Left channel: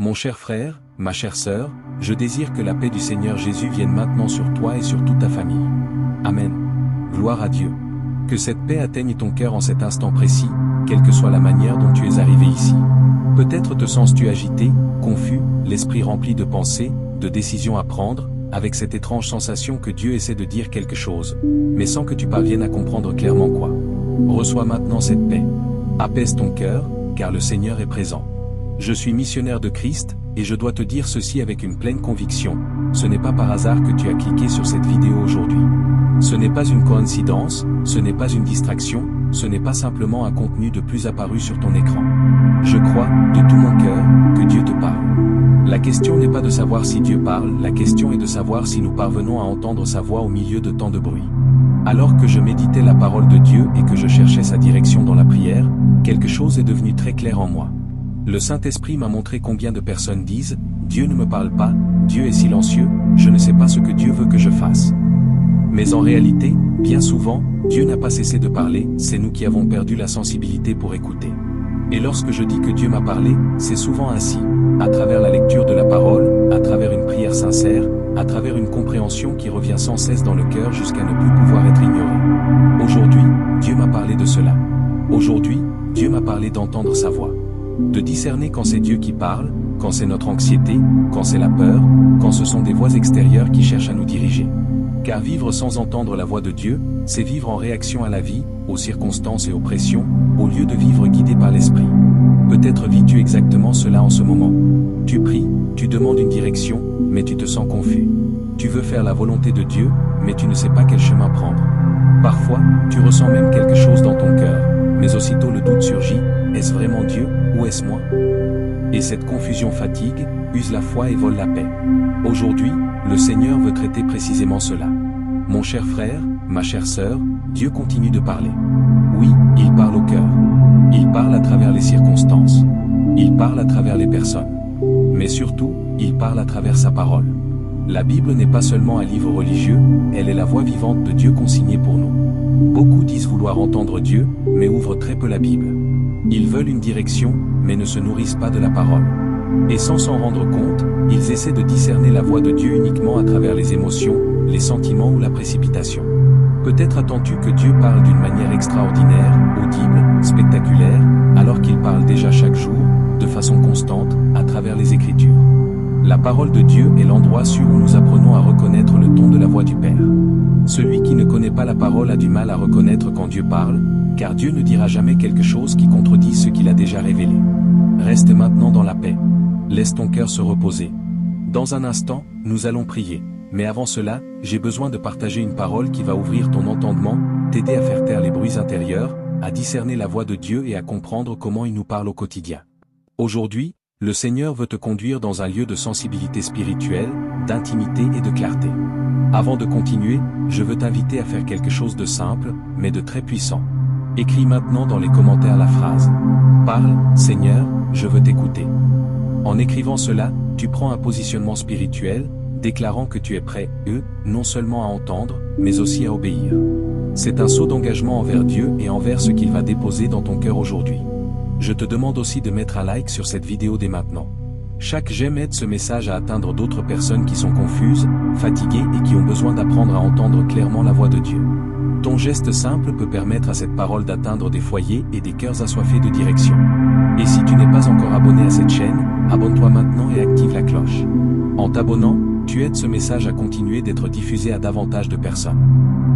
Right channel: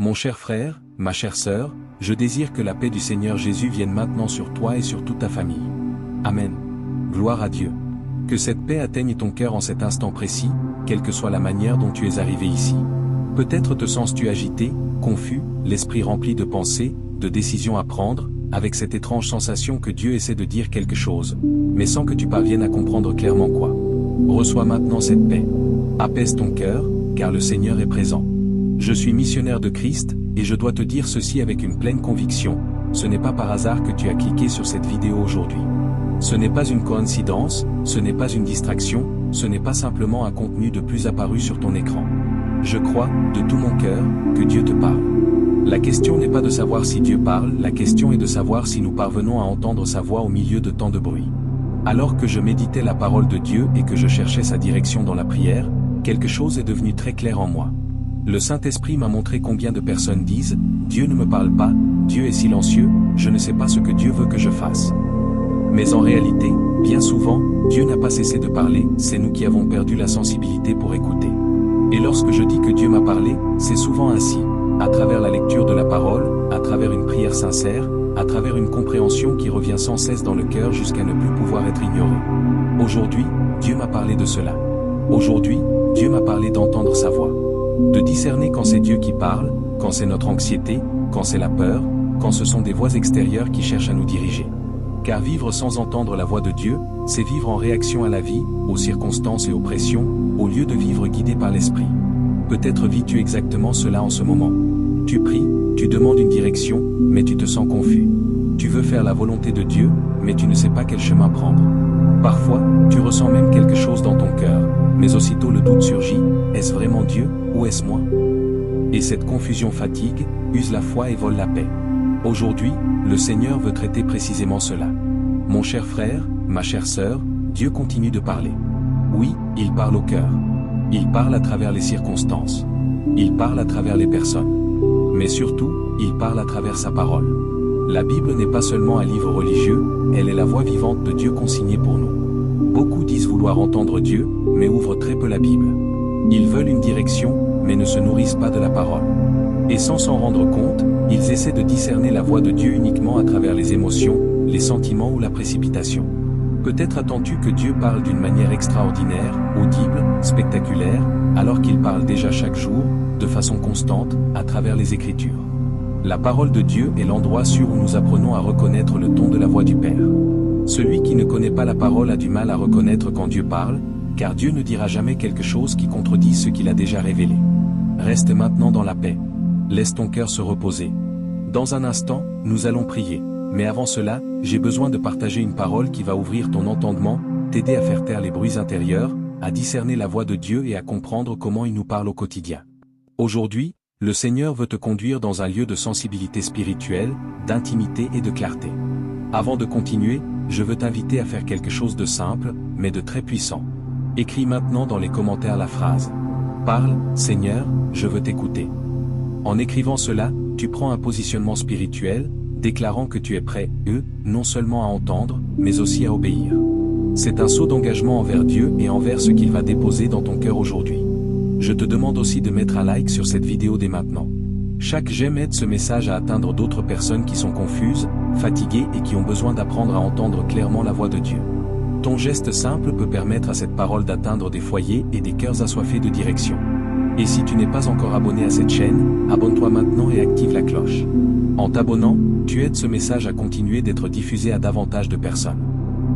Mon cher frère, ma chère sœur, je désire que la paix du Seigneur Jésus vienne maintenant sur toi et sur toute ta famille. Amen. Gloire à Dieu. Que cette paix atteigne ton cœur en cet instant précis, quelle que soit la manière dont tu es arrivé ici. Peut-être te sens-tu agité, confus, l'esprit rempli de pensées, de décisions à prendre, avec cette étrange sensation que Dieu essaie de dire quelque chose, mais sans que tu parviennes à comprendre clairement quoi. Reçois maintenant cette paix. Apaise ton cœur, car le Seigneur est présent. Je suis missionnaire de Christ, et je dois te dire ceci avec une pleine conviction, ce n'est pas par hasard que tu as cliqué sur cette vidéo aujourd'hui. Ce n'est pas une coïncidence, ce n'est pas une distraction, ce n'est pas simplement un contenu de plus apparu sur ton écran. Je crois, de tout mon cœur, que Dieu te parle. La question n'est pas de savoir si Dieu parle, la question est de savoir si nous parvenons à entendre sa voix au milieu de tant de bruit. Alors que je méditais la parole de Dieu et que je cherchais sa direction dans la prière, quelque chose est devenu très clair en moi. Le Saint-Esprit m'a montré combien de personnes disent « Dieu ne me parle pas, Dieu est silencieux, je ne sais pas ce que Dieu veut que je fasse ». Mais en réalité, bien souvent, Dieu n'a pas cessé de parler, c'est nous qui avons perdu la sensibilité pour écouter. Et lorsque je dis que Dieu m'a parlé, c'est souvent ainsi, à travers la lecture de la parole, à travers une prière sincère, à travers une compréhension qui revient sans cesse dans le cœur jusqu'à ne plus pouvoir être ignorée. Aujourd'hui, Dieu m'a parlé de cela. Aujourd'hui, Dieu m'a parlé d'entendre sa voix. De discerner quand c'est Dieu qui parle, quand c'est notre anxiété, quand c'est la peur, quand ce sont des voix extérieures qui cherchent à nous diriger. Car vivre sans entendre la voix de Dieu, c'est vivre en réaction à la vie, aux circonstances et aux pressions, au lieu de vivre guidé par l'Esprit. Peut-être vis-tu exactement cela en ce moment. Tu pries, tu demandes une direction, mais tu te sens confus. Tu veux faire la volonté de Dieu, mais tu ne sais pas quel chemin prendre. Parfois, tu ressens même quelque chose dans ton cœur, mais aussitôt le doute surgit, est-ce vraiment Dieu, ou est-ce moi? Et cette confusion fatigue, use la foi et vole la paix. Aujourd'hui, le Seigneur veut traiter précisément cela. Mon cher frère, ma chère sœur, Dieu continue de parler. Oui, il parle au cœur. Il parle à travers les circonstances. Il parle à travers les personnes. Mais surtout, il parle à travers sa parole. La Bible n'est pas seulement un livre religieux, elle est la voix vivante de Dieu consignée pour nous. Beaucoup disent vouloir entendre Dieu, mais ouvrent très peu la Bible. Ils veulent une direction, mais ne se nourrissent pas de la parole. Et sans s'en rendre compte, ils essaient de discerner la voix de Dieu uniquement à travers les émotions, les sentiments ou la précipitation. Peut-être attends-tu que Dieu parle d'une manière extraordinaire, audible, spectaculaire, alors qu'il parle déjà chaque jour, de façon constante, à travers les Écritures. La parole de Dieu est l'endroit sûr où nous apprenons à reconnaître le ton de la voix du Père. Celui qui ne connaît pas la parole a du mal à reconnaître quand Dieu parle, car Dieu ne dira jamais quelque chose qui contredit ce qu'il a déjà révélé. Reste maintenant dans la paix. Laisse ton cœur se reposer. Dans un instant, nous allons prier. Mais avant cela, j'ai besoin de partager une parole qui va ouvrir ton entendement, t'aider à faire taire les bruits intérieurs, à discerner la voix de Dieu et à comprendre comment il nous parle au quotidien. Aujourd'hui, le Seigneur veut te conduire dans un lieu de sensibilité spirituelle, d'intimité et de clarté. Avant de continuer, je veux t'inviter à faire quelque chose de simple, mais de très puissant. Écris maintenant dans les commentaires la phrase « Parle, Seigneur, je veux t'écouter ». En écrivant cela, tu prends un positionnement spirituel, déclarant que tu es prêt, non seulement à entendre, mais aussi à obéir. C'est un saut d'engagement envers Dieu et envers ce qu'il va déposer dans ton cœur aujourd'hui. Je te demande aussi de mettre un like sur cette vidéo dès maintenant. Chaque j'aime aide ce message à atteindre d'autres personnes qui sont confuses, fatiguées et qui ont besoin d'apprendre à entendre clairement la voix de Dieu. Ton geste simple peut permettre à cette parole d'atteindre des foyers et des cœurs assoiffés de direction. Et si tu n'es pas encore abonné à cette chaîne, abonne-toi maintenant et active la cloche. En t'abonnant, tu aides ce message à continuer d'être diffusé à davantage de personnes.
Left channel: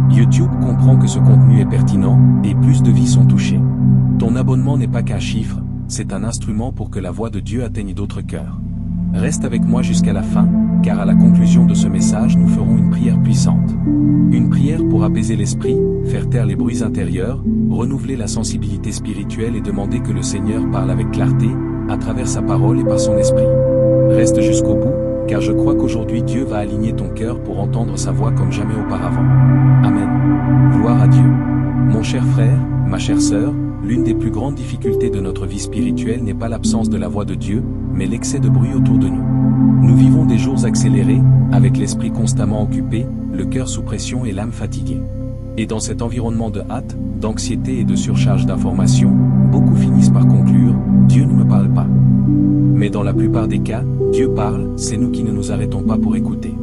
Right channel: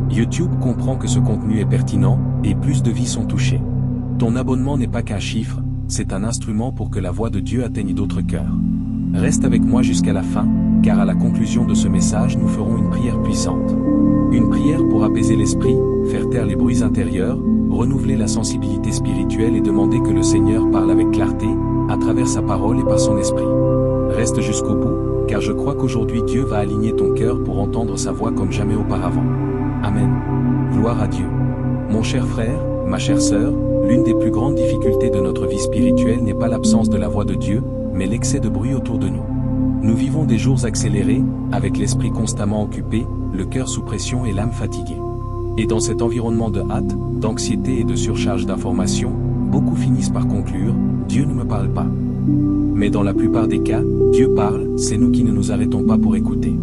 YouTube comprend que ce contenu est pertinent, et plus de vies sont touchées. Ton abonnement n'est pas qu'un chiffre, c'est un instrument pour que la voix de Dieu atteigne d'autres cœurs. Reste avec moi jusqu'à la fin, car à la conclusion de ce message nous ferons une prière puissante. Une prière pour apaiser l'esprit, faire taire les bruits intérieurs, renouveler la sensibilité spirituelle et demander que le Seigneur parle avec clarté, à travers sa parole et par son esprit. Reste jusqu'au bout, car je crois qu'aujourd'hui Dieu va aligner ton cœur pour entendre sa voix comme jamais auparavant. Amen. Gloire à Dieu. Mon cher frère, ma chère sœur, l'une des plus grandes difficultés de notre vie spirituelle n'est pas l'absence de la voix de Dieu, mais l'excès de bruit autour de nous. Nous vivons des jours accélérés, avec l'esprit constamment occupé, le cœur sous pression et l'âme fatiguée. Et dans cet environnement de hâte, d'anxiété et de surcharge d'informations, beaucoup finissent par conclure « Dieu ne me parle pas ». Mais dans la plupart des cas, Dieu parle, c'est nous qui ne nous arrêtons pas pour écouter.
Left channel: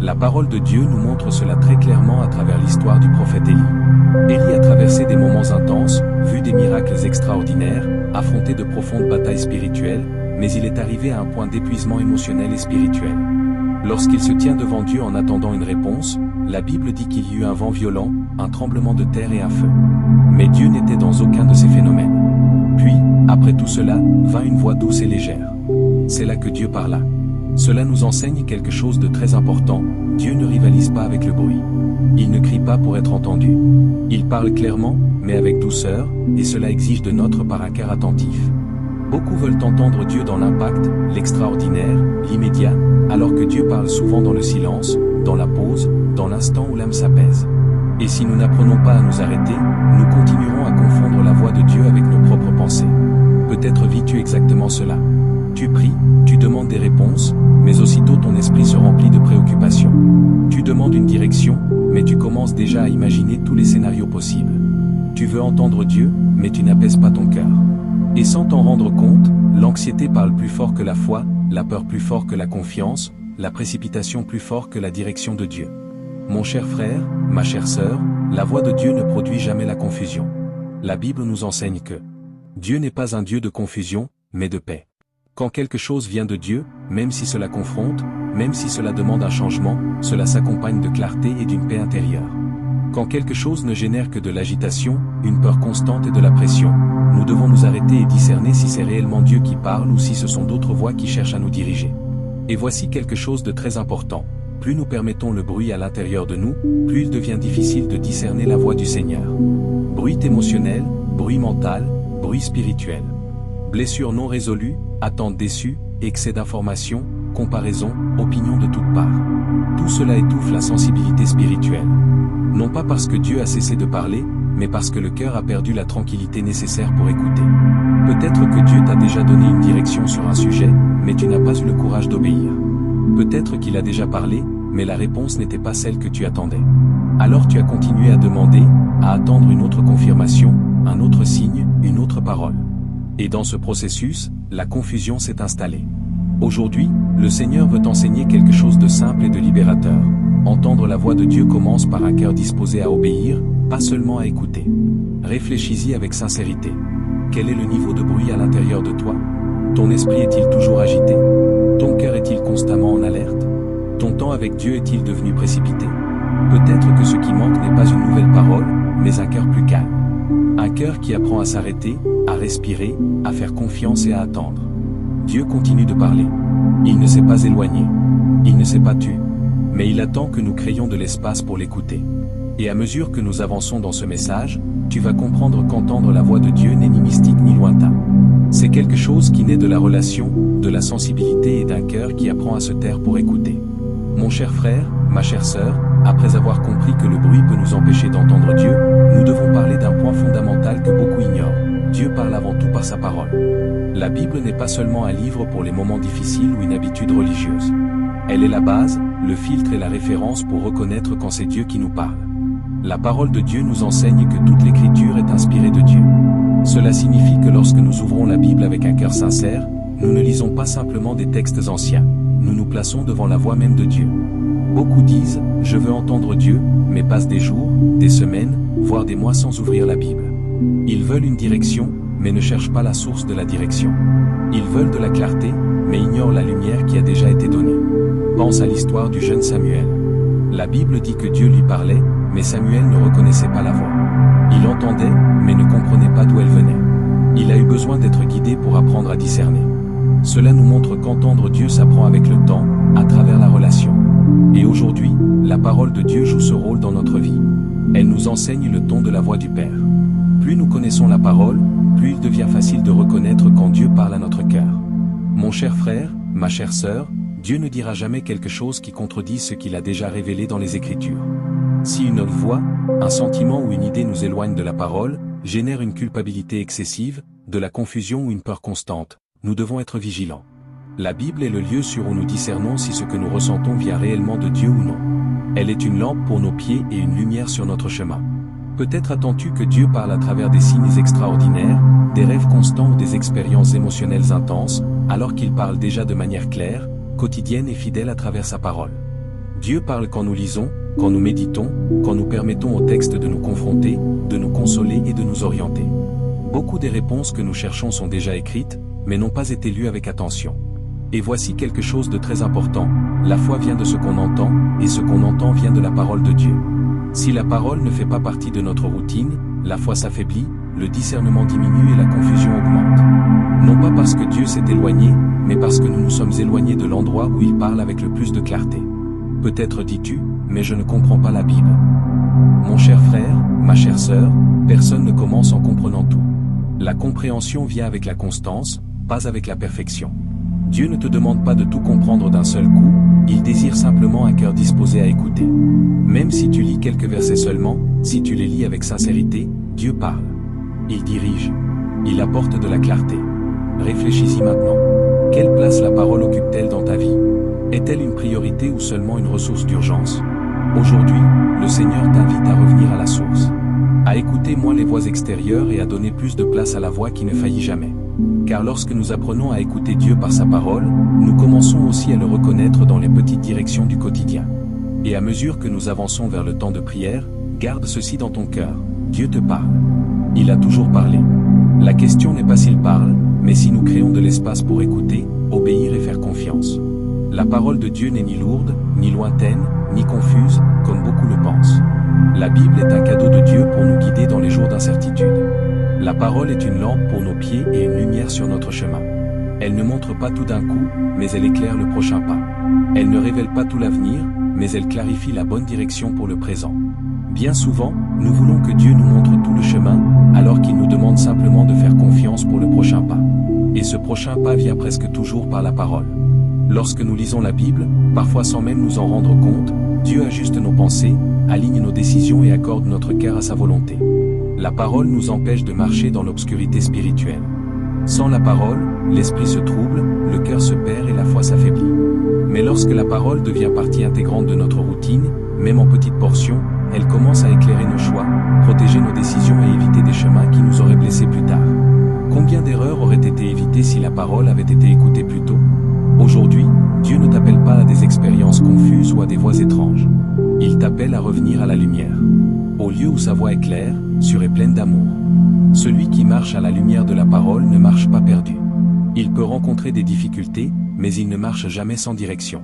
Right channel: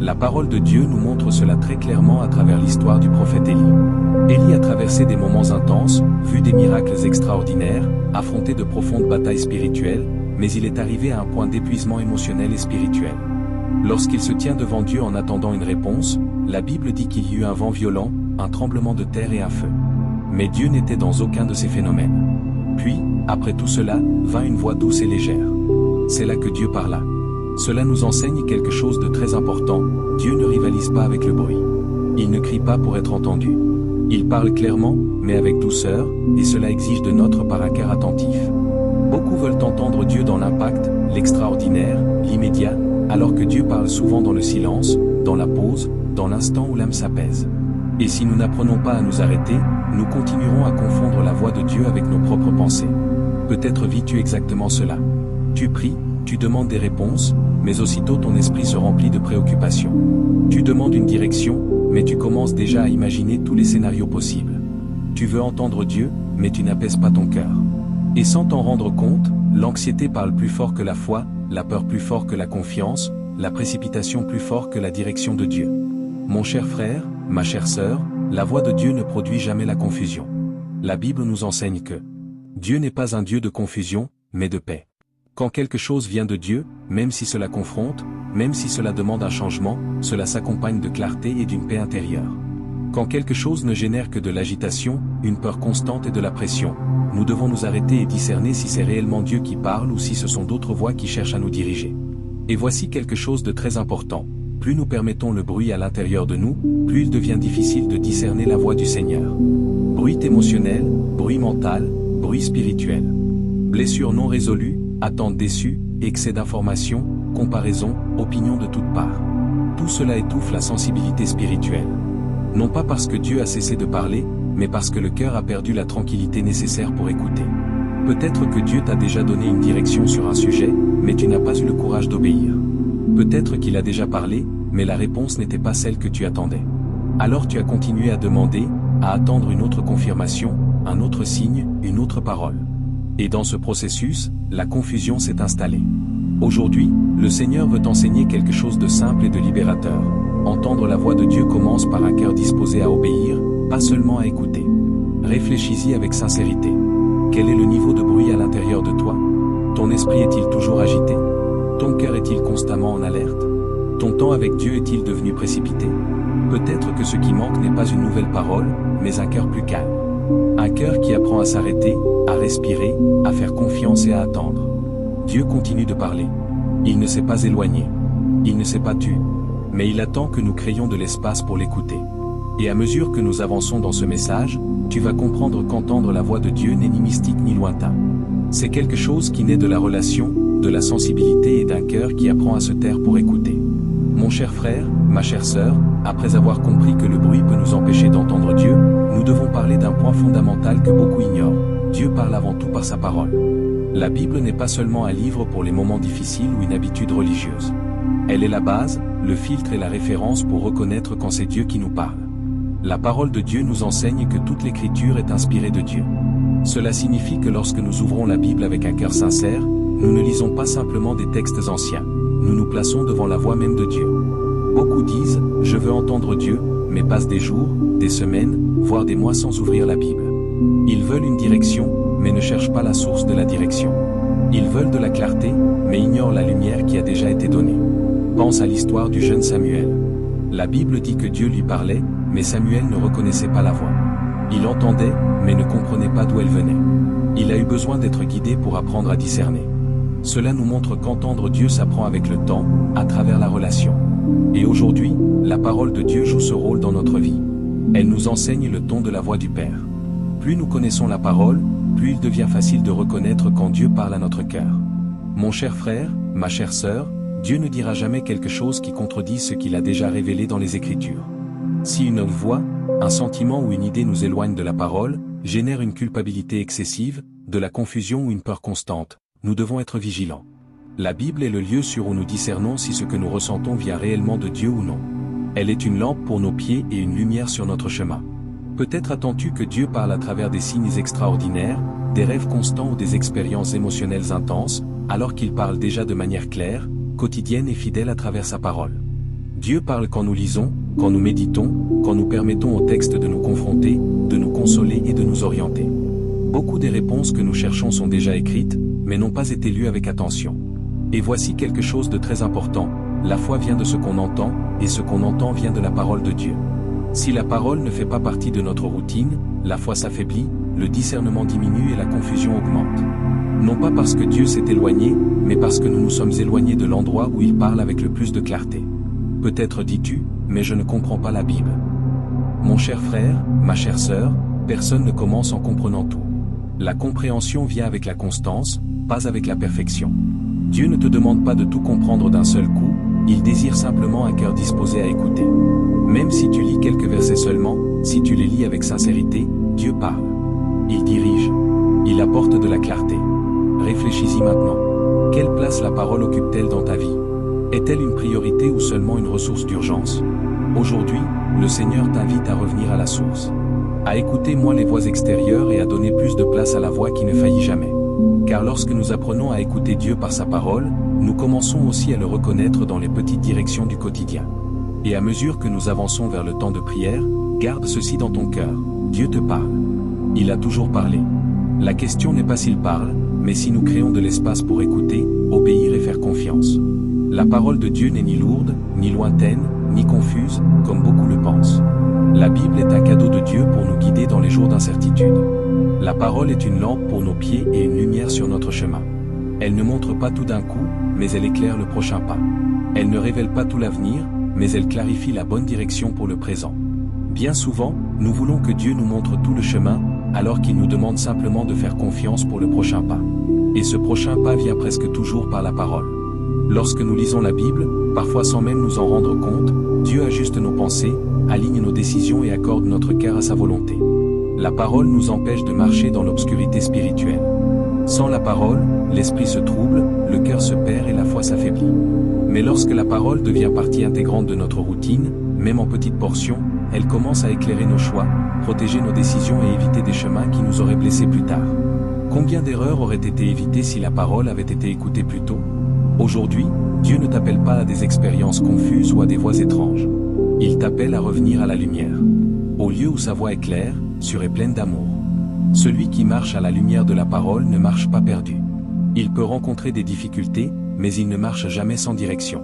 La parole de Dieu nous montre cela très clairement à travers l'histoire du prophète Élie. Élie a traversé des moments intenses, vu des miracles extraordinaires, affronté de profondes batailles spirituelles, mais il est arrivé à un point d'épuisement émotionnel et spirituel. Lorsqu'il se tient devant Dieu en attendant une réponse, la Bible dit qu'il y eut un vent violent, un tremblement de terre et un feu. Mais Dieu n'était dans aucun de ces phénomènes. Puis, après tout cela, vint une voix douce et légère. C'est là que Dieu parla. Cela nous enseigne quelque chose de très important, Dieu ne rivalise pas avec le bruit. Il ne crie pas pour être entendu. Il parle clairement, mais avec douceur, et cela exige de notre part un cœur attentif. Beaucoup veulent entendre Dieu dans l'impact, l'extraordinaire, l'immédiat, alors que Dieu parle souvent dans le silence, dans la pause, dans l'instant où l'âme s'apaise. Et si nous n'apprenons pas à nous arrêter, nous continuerons à confondre la voix de Dieu avec nos propres pensées. Peut-être vis-tu exactement cela. Tu pries, tu demandes des réponses, mais aussitôt ton esprit se remplit de préoccupations. Tu demandes une direction, mais tu commences déjà à imaginer tous les scénarios possibles. Tu veux entendre Dieu, mais tu n'apaises pas ton cœur. Et sans t'en rendre compte, l'anxiété parle plus fort que la foi, la peur plus fort que la confiance, la précipitation plus fort que la direction de Dieu. Mon cher frère, ma chère sœur, la voix de Dieu ne produit jamais la confusion. La Bible nous enseigne que Dieu n'est pas un Dieu de confusion, mais de paix. Quand quelque chose vient de Dieu, même si cela confronte, même si cela demande un changement, cela s'accompagne de clarté et d'une paix intérieure. Quand quelque chose ne génère que de l'agitation, une peur constante et de la pression, nous devons nous arrêter et discerner si c'est réellement Dieu qui parle ou si ce sont d'autres voix qui cherchent à nous diriger. Et voici quelque chose de très important. Plus nous permettons le bruit à l'intérieur de nous, plus il devient difficile de discerner la voix du Seigneur. Bruit émotionnel, bruit mental, bruit spirituel. Blessures non résolues, attentes déçues, excès d'informations, comparaisons, opinions de toutes parts. Tout cela étouffe la sensibilité spirituelle. Non pas parce que Dieu a cessé de parler, mais parce que le cœur a perdu la tranquillité nécessaire pour écouter. Peut-être que Dieu t'a déjà donné une direction sur un sujet, mais tu n'as pas eu le courage d'obéir. Peut-être qu'il a déjà parlé, mais la réponse n'était pas celle que tu attendais. Alors tu as continué à demander, à attendre une autre confirmation, un autre signe, une autre parole. Et dans ce processus, la confusion s'est installée. Aujourd'hui, le Seigneur veut t'enseigner quelque chose de simple et de libérateur. Entendre la voix de Dieu commence par un cœur disposé à obéir, pas seulement à écouter. Réfléchis-y avec sincérité. Quel est le niveau de bruit à l'intérieur de toi? Ton esprit est-il toujours agité? Ton cœur est-il constamment en alerte? Ton temps avec Dieu est-il devenu précipité? Peut-être que ce qui manque n'est pas une nouvelle parole, mais un cœur plus calme. Un cœur qui apprend à s'arrêter, à respirer, à faire confiance et à attendre. Dieu continue de parler. Il ne s'est pas éloigné. Il ne s'est pas tu. Mais il attend que nous créions de l'espace pour l'écouter. Et à mesure que nous avançons dans ce message, tu vas comprendre qu'entendre la voix de Dieu n'est ni mystique ni lointain. C'est quelque chose qui naît de la relation, de la sensibilité et d'un cœur qui apprend à se taire pour écouter. Mon cher frère, ma chère sœur, après avoir compris que le bruit peut nous empêcher d'entendre Dieu, nous devons parler d'un point fondamental que beaucoup ignorent. Dieu parle avant tout par sa parole. La Bible n'est pas seulement un livre pour les moments difficiles ou une habitude religieuse. Elle est la base, le filtre et la référence pour reconnaître quand c'est Dieu qui nous parle. La parole de Dieu nous enseigne que toute l'écriture est inspirée de Dieu. Cela signifie que lorsque nous ouvrons la Bible avec un cœur sincère, nous ne lisons pas simplement des textes anciens, nous nous plaçons devant la voix même de Dieu. Beaucoup disent « Je veux entendre Dieu », mais passent des jours, des semaines, voire des mois sans ouvrir la Bible. Ils veulent une direction, mais ne cherchent pas la source de la direction. Ils veulent de la clarté, mais ignorent la lumière qui a déjà été donnée. Pense à l'histoire du jeune Samuel. La Bible dit que Dieu lui parlait, mais Samuel ne reconnaissait pas la voix. Il entendait, mais ne comprenait pas d'où elle venait. Il a eu besoin d'être guidé pour apprendre à discerner. Cela nous montre qu'entendre Dieu s'apprend avec le temps, à travers la relation. Et aujourd'hui, la parole de Dieu joue ce rôle dans notre vie. Elle nous enseigne le ton de la voix du Père. Plus nous connaissons la parole, plus il devient facile de reconnaître quand Dieu parle à notre cœur. Mon cher frère, ma chère sœur, Dieu ne dira jamais quelque chose qui contredise ce qu'il a déjà révélé dans les Écritures. Si une autre voix, un sentiment ou une idée nous éloigne de la parole, génère une culpabilité excessive, de la confusion ou une peur constante, nous devons être vigilants. La Bible est le lieu sûr où nous discernons si ce que nous ressentons vient réellement de Dieu ou non. Elle est une lampe pour nos pieds et une lumière sur notre chemin. Peut-être attends-tu que Dieu parle à travers des signes extraordinaires, des rêves constants ou des expériences émotionnelles intenses, alors qu'il parle déjà de manière claire, quotidienne et fidèle à travers sa parole. Dieu parle quand nous lisons, quand nous méditons, quand nous permettons au texte de nous confronter, de nous consoler et de nous orienter. Beaucoup des réponses que nous cherchons sont déjà écrites, mais n'ont pas été lues avec attention. Et voici quelque chose de très important, la foi vient de ce qu'on entend, et ce qu'on entend vient de la parole de Dieu. Si la parole ne fait pas partie de notre routine, la foi s'affaiblit, le discernement diminue et la confusion augmente. Non pas parce que Dieu s'est éloigné, mais parce que nous nous sommes éloignés de l'endroit où il parle avec le plus de clarté. Peut-être dis-tu, mais je ne comprends pas la Bible. Mon cher frère, ma chère sœur, personne ne commence en comprenant tout. La compréhension vient avec la constance, pas avec la perfection. Dieu ne te demande pas de tout comprendre d'un seul coup, il désire simplement un cœur disposé à écouter. Même si tu lis quelques versets seulement, si tu les lis avec sincérité, Dieu parle. Il dirige. Il apporte de la clarté. Réfléchis-y maintenant. Quelle place la parole occupe-t-elle dans ta vie? Est-elle une priorité ou seulement une ressource d'urgence? Aujourd'hui, le Seigneur t'invite à revenir à la source. À écouter moins les voix extérieures et à donner plus de place à la voix qui ne faillit jamais. Car lorsque nous apprenons à écouter Dieu par sa parole, nous commençons aussi à le reconnaître dans les petites directions du quotidien. Et à mesure que nous avançons vers le temps de prière, garde ceci dans ton cœur, Dieu te parle. Il a toujours parlé. La question n'est pas s'il parle, mais si nous créons de l'espace pour écouter, obéir et faire confiance. La parole de Dieu n'est ni lourde, ni lointaine, ni confuse, comme beaucoup le pensent. La Bible est un cadeau de Dieu pour nous guider dans les jours d'incertitude. La parole est une lampe pour nos pieds et une lumière sur notre chemin. Elle ne montre pas tout d'un coup, mais elle éclaire le prochain pas. Elle ne révèle pas tout l'avenir, mais elle clarifie la bonne direction pour le présent. Bien souvent, nous voulons que Dieu nous montre tout le chemin, alors qu'il nous demande simplement de faire confiance pour le prochain pas. Et ce prochain pas vient presque toujours par la parole. Lorsque nous lisons la Bible, parfois sans même nous en rendre compte, Dieu ajuste nos pensées, aligne nos décisions et accorde notre cœur à sa volonté. La parole nous empêche de marcher dans l'obscurité spirituelle. Sans la parole, l'esprit se trouble, le cœur se perd et la foi s'affaiblit. Mais lorsque la parole devient partie intégrante de notre routine, même en petites portions, elle commence à éclairer nos choix, protéger nos décisions et éviter des chemins qui nous auraient blessés plus tard. Combien d'erreurs auraient été évitées si la parole avait été écoutée plus tôt? Aujourd'hui, Dieu ne t'appelle pas à des expériences confuses ou à des voix étranges. Il t'appelle à revenir à la lumière. Au lieu où sa voix est claire, sûre et pleine d'amour. Celui qui marche à la lumière de la parole ne marche pas perdu. Il peut rencontrer des difficultés, mais il ne marche jamais sans direction.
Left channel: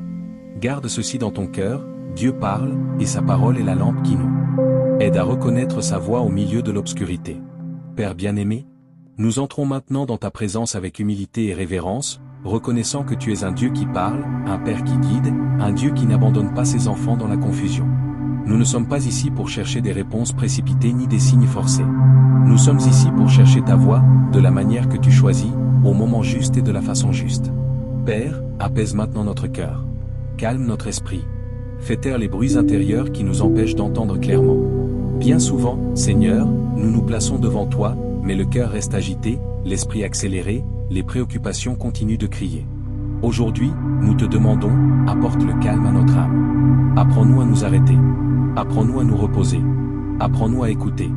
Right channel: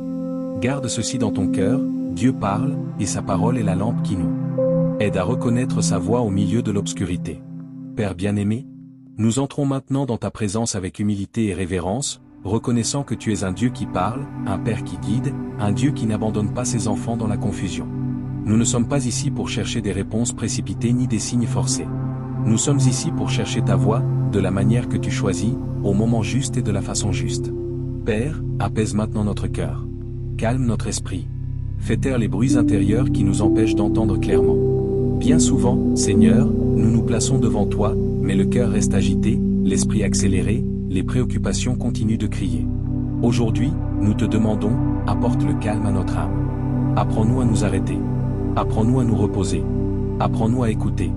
Garde ceci dans ton cœur, Dieu parle, et sa parole est la lampe qui nous aide à reconnaître sa voix au milieu de l'obscurité. Père bien-aimé, nous entrons maintenant dans ta présence avec humilité et révérence, reconnaissant que tu es un Dieu qui parle, un Père qui guide, un Dieu qui n'abandonne pas ses enfants dans la confusion. Nous ne sommes pas ici pour chercher des réponses précipitées ni des signes forcés. Nous sommes ici pour chercher ta voix, de la manière que tu choisis, au moment juste et de la façon juste. Père, apaise maintenant notre cœur. Calme notre esprit. Fais taire les bruits intérieurs qui nous empêchent d'entendre clairement. Bien souvent, Seigneur, nous nous plaçons devant toi, mais le cœur reste agité, l'esprit accéléré, les préoccupations continuent de crier. Aujourd'hui, nous te demandons, apporte le calme à notre âme. Apprends-nous à nous arrêter. Apprends-nous à nous reposer. Apprends-nous à écouter.